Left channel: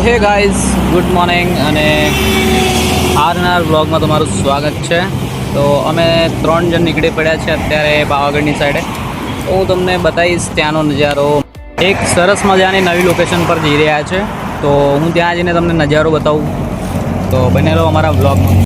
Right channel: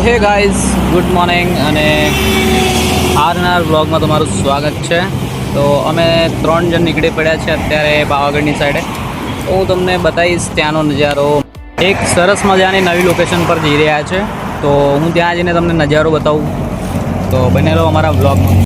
Hey guys, good morning અને આજના વ્લોગમાં તમારું સ્વાગત છે. તો અમે 3 જણ નીકળી પડ્યા છે અત્યારે પાવાગઢની સાઈડે. તો હું તમને બતાવીશ ત્યાંનો નજારો. એક સરસ મજાની નવી લોકેશન પર જઈ રહ્યા છે, તો હું ત્યાં જઈને તમને નજારો બતાવું. તો બને રહો અમારા વ્લોગમાં.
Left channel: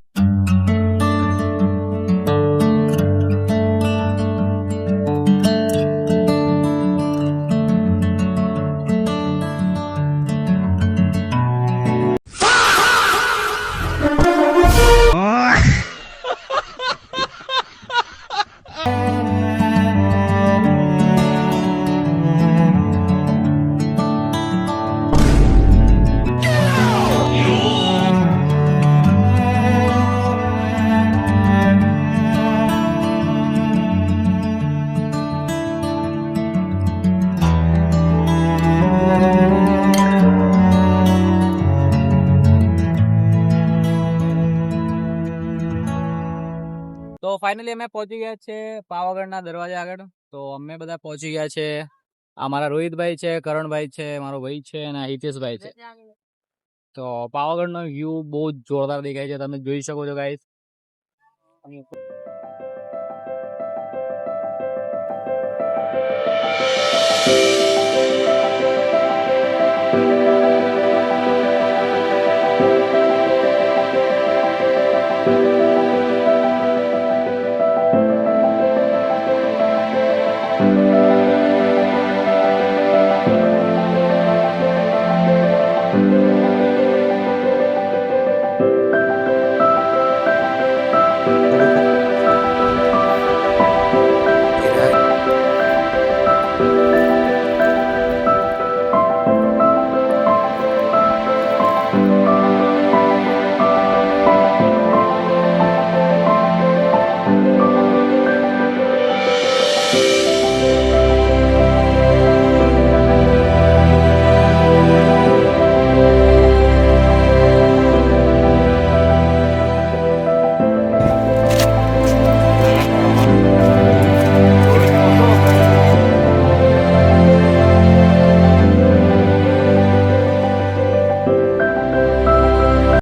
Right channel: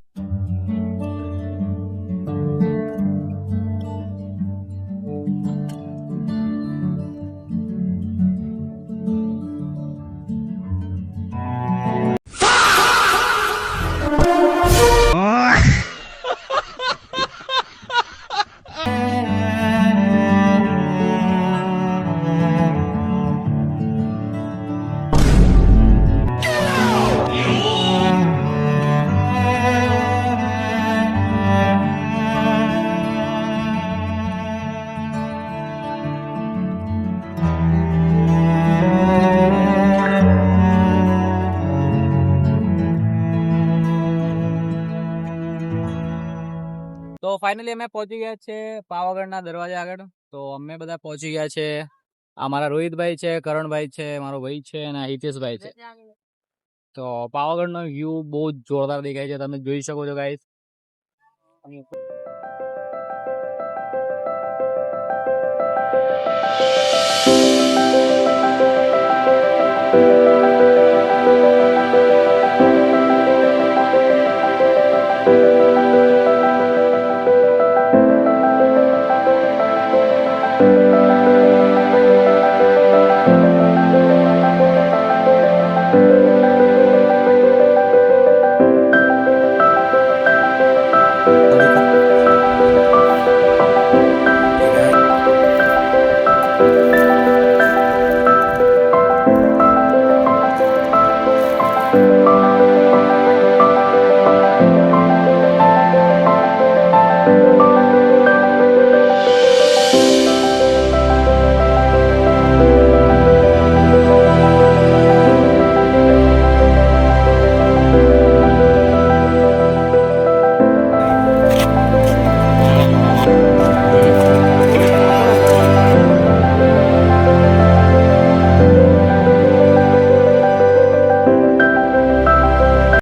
તો ફાઇનલી અમે પહોંચી ગયા છે પાવાગઢના દરવાજા આગળ. તો અમે બધા પહોંચી ગયા છે. આ મારા રોહિતભાઈ છે, કરણભાઈ છે, મારો ભાઈ છે અને હિતેશભાઈ છે. તો પાવાગઢનો વ્યૂ બહુ જ જોરદાર દેખાય છે, તમે જોઈ શકો છો ગાઈસ.